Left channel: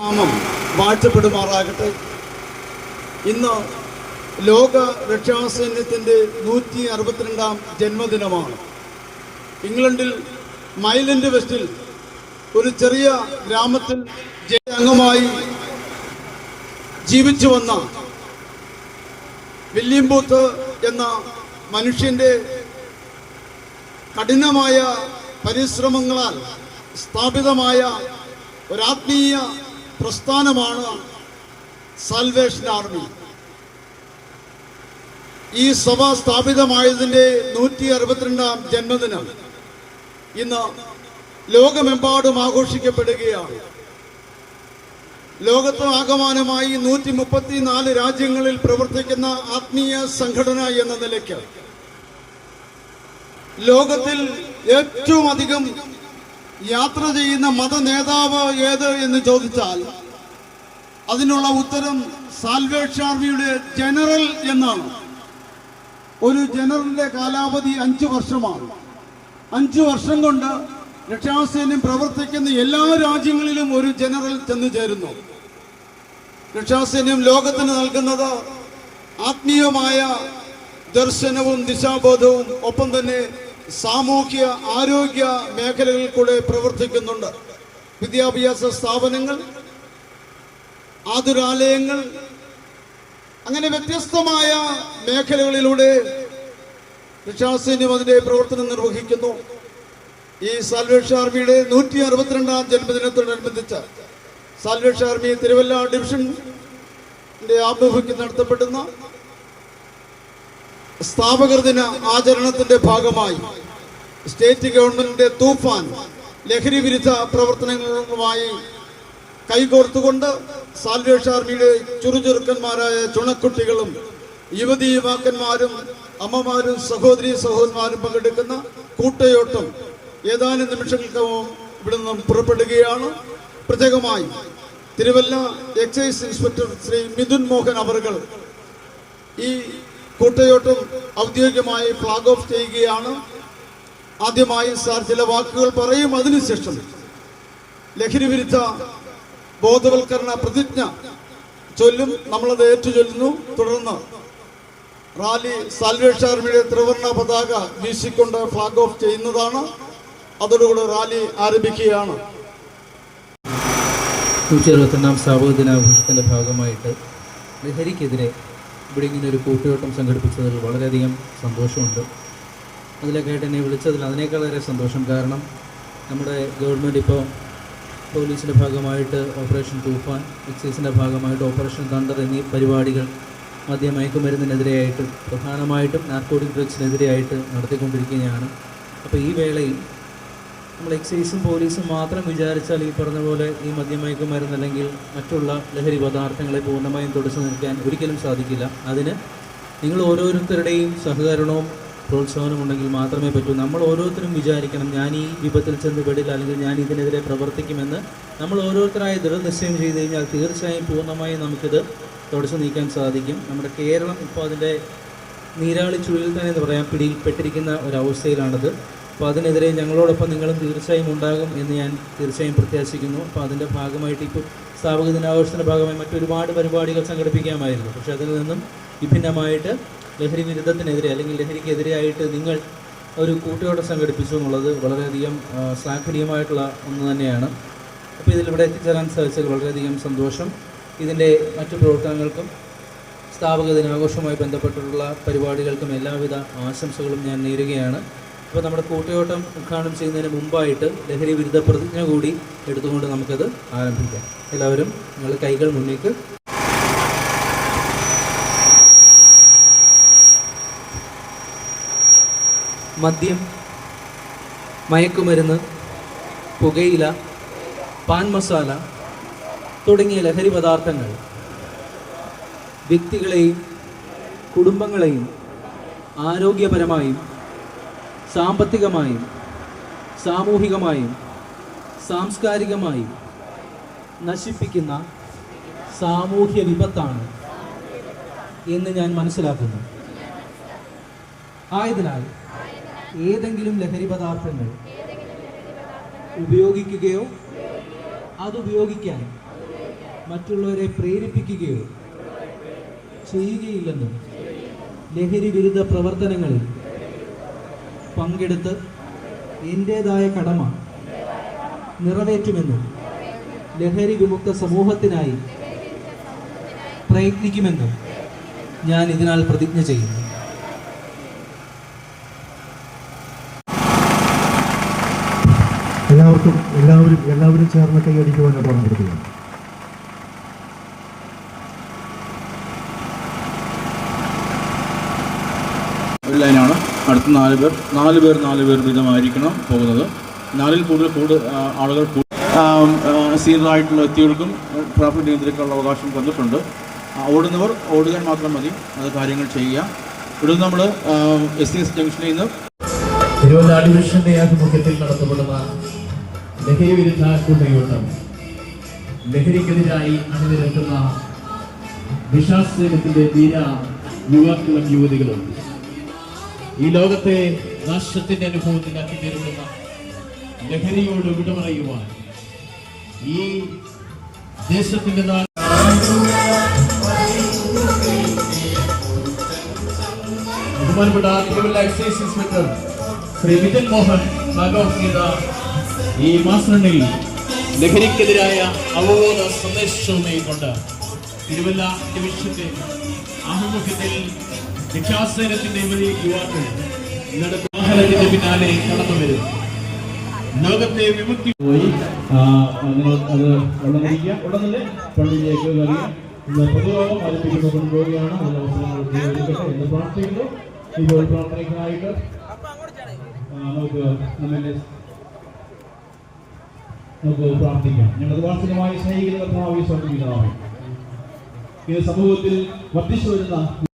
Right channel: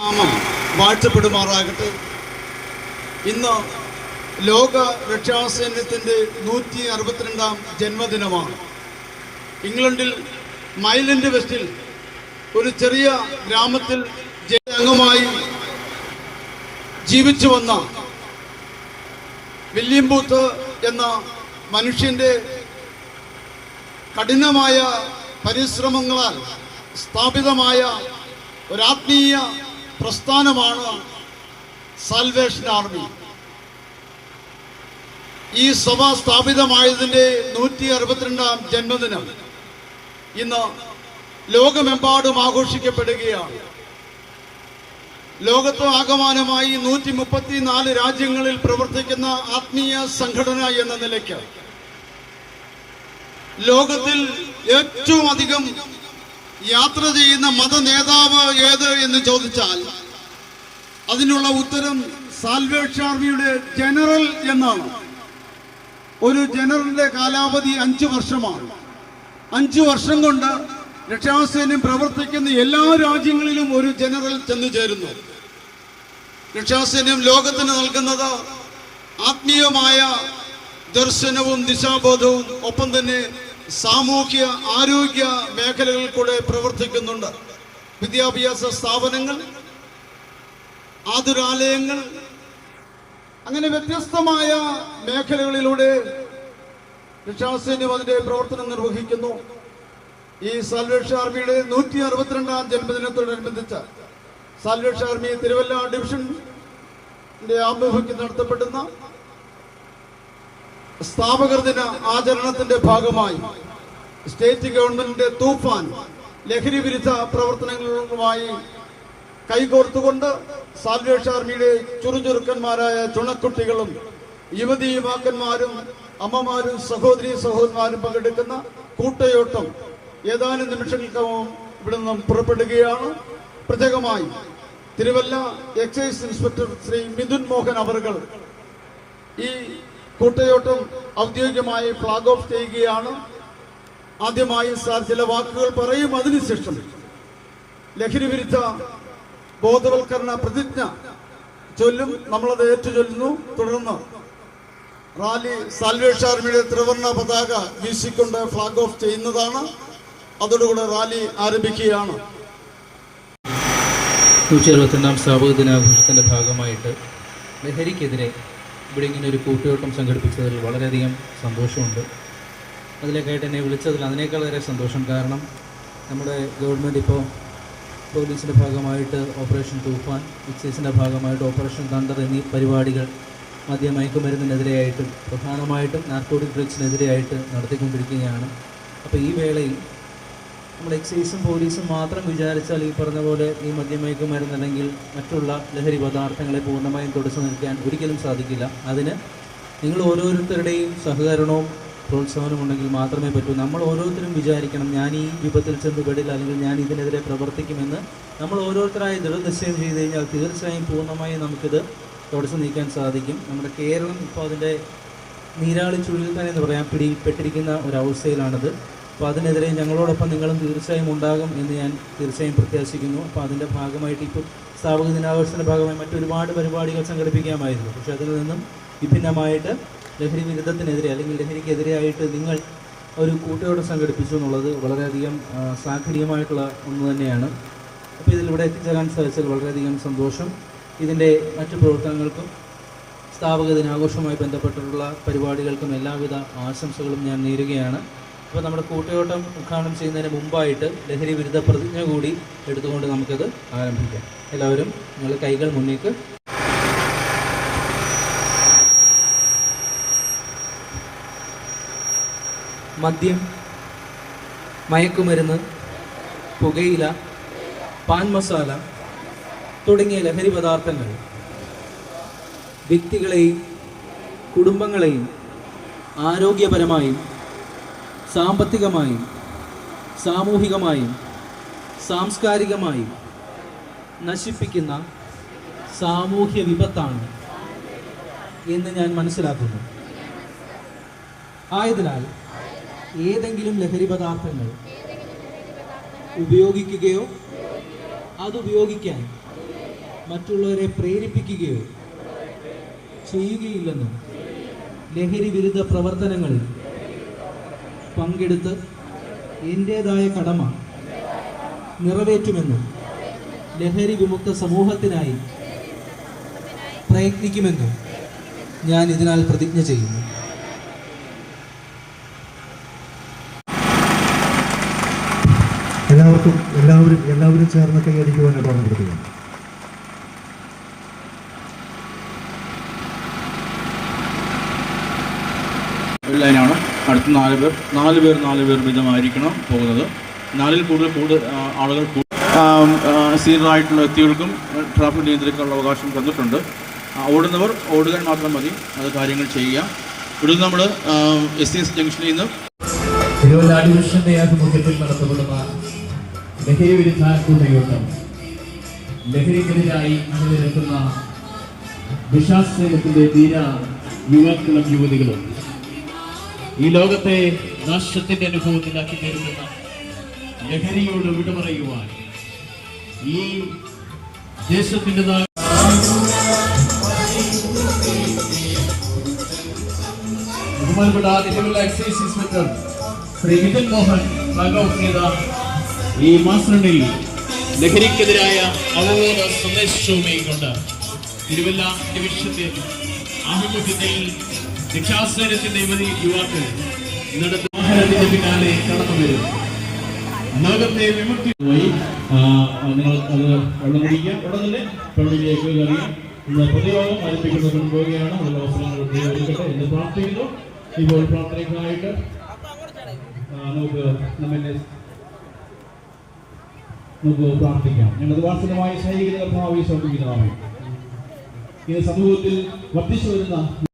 നാമം വാഴ്ത്തപ്പെടുമാറാകട്ടെ. ഇന്ന് ലോക രക്ഷാസൈന്യത്തിൻ്റെ 162-ാം ജന്മദിനമാണ്. ഇംഗ്ലണ്ടിൽ മൈലൻഡ് വെസ്റ്റിൽ ഒരു ചെറിയ ഗ്രാമത്തിൽ അംഗമായി ജീവിച്ചു വന്ന വില്യം ബൂത്ത് എന്ന മനുഷ്യന്റെ കഠിനമായ പരിശ്രമങ്ങളാൽ സ്ഥാപിതമായ ഒരാത്മീയ പ്രസ്ഥാനമാണ് സാൽവേഷൻ ആർമി. ഈ സഭ സ്ഥാപിതമായതിൻ്റെ 162-ാം ജന്മദിനം ഇന്ന് ലോകമെമ്പാടും ആഘോഷിക്കപ്പെടുകയാണ്. ലോകത്ത് ആകമാനമായി 134 രാജ്യങ്ങളിൽ പ്രവർത്തിക്കുന്ന ആത്മീയ സംഘടന എന്ന നിലയ്ക്ക് ലോകത്തിൽ ഏറ്റവും അധികം യാത്ര ചെയ്യുന്ന മത നേതാവ് ഏത് എന്ന് ചോദിച്ചാൽ അതിനുള്ള ഉത്തരം സാൽവേഷൻ ആർമിയുടെ ജനറൽ എന്നാണ്. ഒരു ജനറലിന്റെ കാലാവധി 5 വർഷമാണ്. 5 വർഷം കൊണ്ട് രക്ഷാസൈന്യം പ്രവർത്തിക്കുന്ന എല്ലാ രാജ്യങ്ങളിലും ഒരു ജനറൽ ചെന്നു ചേരുന്നു. രക്ഷാസൈന്യം ലോകത്തിന് നൽകുന്നത് ആത്മീയമായ ദർശനവും ദിശാബോധവും ഒപ്പം തന്നെ സാമൂഹ്യ ആരോഗ്യ മേഖലകളിൽ കൂടെ പ്രവർത്തിക്കുന്നുണ്ട്. വിദ്യാഭ്യാസ സ്ഥാപനങ്ങൾ, ആതുരാലയങ്ങൾ, അങ്ങനെ വ്യത്യസ്തമായ മേഖലകളിലൂടെ രക്ഷാസൈന്യം അതിന്റെ പ്രവർത്തനം നിർവഹിക്കുന്നു. ഈ സാൽവേഷൻ ആർമിയുടെ 162-ാം ജന്മദിനത്തോടനുബന്ധിച്ച് സാൽവേഷൻ ആർമി തിരുവല്ല ഡിവിഷന്റെ ആഭിമുഖ്യത്തിൽ നടത്തപ്പെടുന്ന സ്ഥാപകർ ദിന ആചരണത്തിന്റെ ഭാഗമായി സ്റ്റേറ്റ് ഗവൺമെന്റിന്റെ തൂഫാൻ ലഹരി വിരുദ്ധ പ്രവർത്തനങ്ങളുമായി കൈകോർത്തുകൊണ്ട് സാൽവേഷൻ ആർമിയുടെ ചുറുചുറുക്കന്മാരായ ചുണക്കുട്ടികളും യുവതി യുവാക്കന്മാരും അമ്മമാരും സഹോദരി സഹോദരന്മാരും പങ്കെടുക്കുന്ന കൂട്ടയോട്ടം ഏതാനും നിമിഷങ്ങൾക്കകം ഇവിടെ നിന്നും പുറപ്പെടുകയാണ്. പ്രത്യേകമായി തിരുവല്ല എക്സൈസ് ഇൻസ്പെക്ടർ ശ്രീ മിഥുൻ മോഹൻ അവർകൾ ഈ കൂട്ടയോട്ടം ഔദ്യോഗികമായി ഫ്ലാഗ് ഓഫ് ചെയ്യുകയാണ്. ആദ്യമായി സാർ ചില വാക്കുകൾ പറയും. അതിനുശേഷം ലഹരി വിരുദ്ധ ബോധവൽക്കരണ പ്രതിജ്ഞ ചൊല്ലും. നമ്മളത് ഏറ്റുചൊല്ലുന്നു. തുടർന്ന് റാലി സാൽവേഷൻ ആർമിയുടെ ത്രിവർണ്ണ പതാക വീശിക്കൊണ്ട് ഫ്ലാഗ് ഓഫ് ചെയ്യുന്നതാണ്. അതോടുകൂടി റാലി ആരംഭിക്കുകയാണ്. 161-ാം സ്ഥാപക ദിനാഘോഷത്തിൻ്റെ ഭാഗമായിട്ട് ലഹരിക്കെതിരെ ഇവിടെ ഇങ്ങനെ ഒരു കൂട്ടുകെട്ടം സംഘടിപ്പിച്ചതിൽ വളരെയധികം സന്തോഷമുണ്ട്. അതിലേക്കായിട്ട് എന്നെ വിളിച്ചതിൽ അതിനേക്കാളേറെ സന്തോഷം. കാരണം നമ്മുടെ ഗവൺമെൻറ് ഇപ്പോൾ പോലീസിൻ്റെ ഭാഗമായിട്ട് ഓപ്പറേഷൻ തൂഫാൻ, എക്സൈസിൻ്റെ ഭാഗമായിട്ട് ഓപ്പറേഷൻ തണ്ടർ എന്നീ പരിപാടികൾ മദ്യമയക്കുമരുന്നിനെതിരെയായിട്ട് പ്രധാനമായിട്ടും നാർക്കോട്ടിക് ഡ്രഗ്സിനെതിരെയായിട്ട് നടത്തിക്കൊണ്ടിരിക്കുകയാണ്. അപ്പോൾ ഈ വേളയിൽ നമ്മൾ എക്സൈസും പോലീസും മാത്രം വിചാരിച്ചാൽ ഈ പറഞ്ഞ പോലെ ഈ മദ്യമയക്കുമരുന്ന് അല്ലെങ്കിൽ മറ്റുള്ള ലഹരി പദാർത്ഥങ്ങളെ പൂർണ്ണമായും തുടച്ചു നിൽക്കാൻ ഒരിക്കലും സാധിക്കില്ല. അതിന് നിങ്ങൾ ഓരോരുത്തരുടെയും സഹകരണവും പ്രോത്സാഹനവും ഉണ്ടെങ്കിൽ മാത്രമേ പറ്റൂ. നമ്മൾ ഓരോരുത്തരും വിചാരിക്കണം, ഞാൻ ഈ വിപത്തിൽ ചെന്ന് പെടില്ല, അല്ലെങ്കിൽ ഞാൻ ഇതിനെതിരെ പ്രവർത്തിക്കുമെന്ന് നമ്മൾ ഓരോരുത്തരായി ദൃഢനിശ്ചയം ചെയ്ത് കഴിഞ്ഞാൽ തീർച്ചയായും പൂർണ്ണമായും നമുക്കിത് തുടച്ചു നീക്കാൻ സാധിക്കും. നമ്മുടെ കേരളം ഇപ്പോൾ അതിൻ്റെ നീരാളി ചുഴിയിൽ തന്നെ എന്ന് പറയാൻ പിടിയിൽപ്പെട്ടിരിക്കുന്ന ഒരവസ്ഥയിലാണിത്. അപ്പോൾ അതിനെതിരെ ഞങ്ങളോടൊപ്പം നിങ്ങളും തീർച്ചയായും ഉണ്ടാകും എന്ന് ഞാൻ തീർച്ചയായും പ്രത്യാശിക്കുന്നു. അപ്പോൾ അതിൻ്റെ ഭാഗമായിട്ട് ഇപ്പോൾ സ്ഥാപക ദിനാഘോഷത്തിൻ്റെ ഭാഗമായി മറ്റൊരുപാട് പരിപാടികൾ സംഘടിപ്പിക്കാമായിരുന്നു. പക്ഷേ അതിൽ നിന്നും വിഭിന്നമായിട്ട് ലഹരി വിരുദ്ധത്തിനെതിരെ അല്ലെങ്കിൽ ലഹരിക്കെതിരെയായിട്ട് നിങ്ങൾ ഒരു കൂട്ടുകെട്ടം സംഘടിപ്പിച്ചു എന്നുള്ളത് വളരെയധികം ശ്ലാഘനീയമായിട്ടുള്ള ഒന്ന് തന്നെയാണ്. അപ്പോൾ ഇതിലിവിടെ എത്തിച്ചേരാൻ സാധിച്ചതിൽ വളരെയധികം സന്തോഷം. ഇതിൻ്റെ മറ്റു പ്രവർത്തനങ്ങൾക്കും സ്ഥാപക ദിനാഘോഷവുമായി ബന്ധപ്പെട്ടിട്ടുള്ള പരിപാടികൾക്കും എല്ലാവിധ ആശംസകളും ഞാൻ നേരുകയാണ്. അപ്പോൾ നമ്മുടെ കൂട്ടുകെട്ടം ഉദ്ഘാടനം ചെയ്യുന്നതിന് മുമ്പായിട്ട് ലഹരി വിരുദ്ധ പ്രതിജ്ഞ കൂടി എടുത്തുകൊണ്ട് നമുക്കത് ആരംഭിക്കാം. എല്ലാവരും നിങ്ങൾ കൈകൾ മുന്നേക്ക്. മദ്യം, മയക്കുമരുന്ന്, പുകയില, പാൻ മസാല തുടങ്ങിയ ലഹരി പദാർത്ഥങ്ങൾ വ്യക്തികളെയും കുടുംബങ്ങളെയും ആരോഗ്യപരമായും സാമ്പത്തികമായും സാമൂഹികമായും സാംസ്കാരികമായും നശിപ്പിക്കുന്ന സാമൂഹ്യ വിപത്താണ് എന്ന് ഞാൻ മനസ്സിലാക്കുന്നു. ആയതിനാൽ ഏതെങ്കിലും ലഹരി പദാർത്ഥങ്ങൾ ഉപയോഗിക്കുകയോ അതുപയോഗിക്കാൻ മറ്റുള്ളവരെ പ്രേരിപ്പിക്കുകയോ ചെയ്യുകയില്ലെന്നും ലഹരി വിരുദ്ധ പ്രവർത്തനങ്ങളിൽ പങ്കെടുത്ത് എൻ്റേതായ കടമ നിറവേറ്റുമെന്നും ലഹരി വിമുക്ത സമൂഹത്തിനായി പ്രയത്നിക്കുമെന്നും ഞാൻ ഇതിനാൽ പ്രതിജ്ഞ ചെയ്യുന്നു. എല്ലാവരും ചേർന്ന് കൈയടിക്കുവാൻ ഓർമ്മപ്പെടുത്തുന്നു. ഒരു ലൈനാണ്. അടുത്ത 4 പേർ വീതമായിരിക്കണം പോകുന്നത്. 4-ൽ കൂടുതൽ ആളുകൾ സീനിയറായിട്ടുള്ള വ്യക്തികൾക്കും ട്രാഫിക് നിയന്ത്രിക്കാനുള്ള അവകാശം തന്നിട്ടുണ്ട്. ഓടുന്നവർ ഓടുക മാത്രം മതി, അത് കാര്യങ്ങൾ ചെയ്യുക. ഇവിടെ നമ്മൾ SCS ജംഗ്ഷനിൽ നിന്ന് തിരുവല്ല ഡിവിഷന്റെ ആഭിമുഖ്യത്തിൽ നടത്തപ്പെടുന്ന ലഹരി വിരുദ്ധ കൂട്ടയോട്ടം, ലഹരിക്കെതിരായി അണിനിരക്കുന്ന ദിശാസേനത്തിന്റെ ധീര യുവാക്കളും യുവതികളും ഈ ലോകത്തെ നാശത്തിന്റെ അനുഭവത്തിലാക്കി തീർക്കുന്ന ലഹരിയോട് വിടമറയുവാൻ ഈ ദേശത്തിന്റെ ബഹുമാനപ്പെട്ട Thiruvalla excise inspector Shri Vijan Mohan flag off ചെയ്ത ഈ മാസ്റ്ററിൽ ലഹരിക്കെതിരായ അവബോധ സന്ദേശവുമായി കൊണ്ട് തിരുവല്ല ഡിവിഷന്റെ ആഭിമുഖ്യത്തിൽ രക്ഷാസേനത്തിന്റെ യുവാക്കൾ നടത്തുന്ന വാഹനത്തിന്റെ പിന്നാലെ കടന്നു വരും. ലോകത്തെ വിമുക്തി പോയി നിങ്ങൾ അത് വെള്ളം കുടിക്കുക. ഉടൻ തന്നെ പള്ളിയിലേക്ക് കയറുക. ഇന്ന് പൊതുയോഗം ആരംഭിക്കുന്നത് കൊണ്ടുപോവുകയാണ്. അതിനുള്ള അവസരങ്ങൾ ഒരുക്കട്ടെ എന്ന് പ്രാർത്ഥിക്കുന്നു. ഇപ്പോൾ പ്രാർത്ഥനയ്ക്കായിട്ട് നമുക്ക് പ്രാർത്ഥിക്കാം. ഞങ്ങൾ വാത്സല്യമായി സ്നേഹിക്കുന്ന കർത്താവേ, സ്വർഗ്ഗപിതാവേ, ഇത് സമൂഹത്തിൽ വർദ്ധിച്ചു വരുന്ന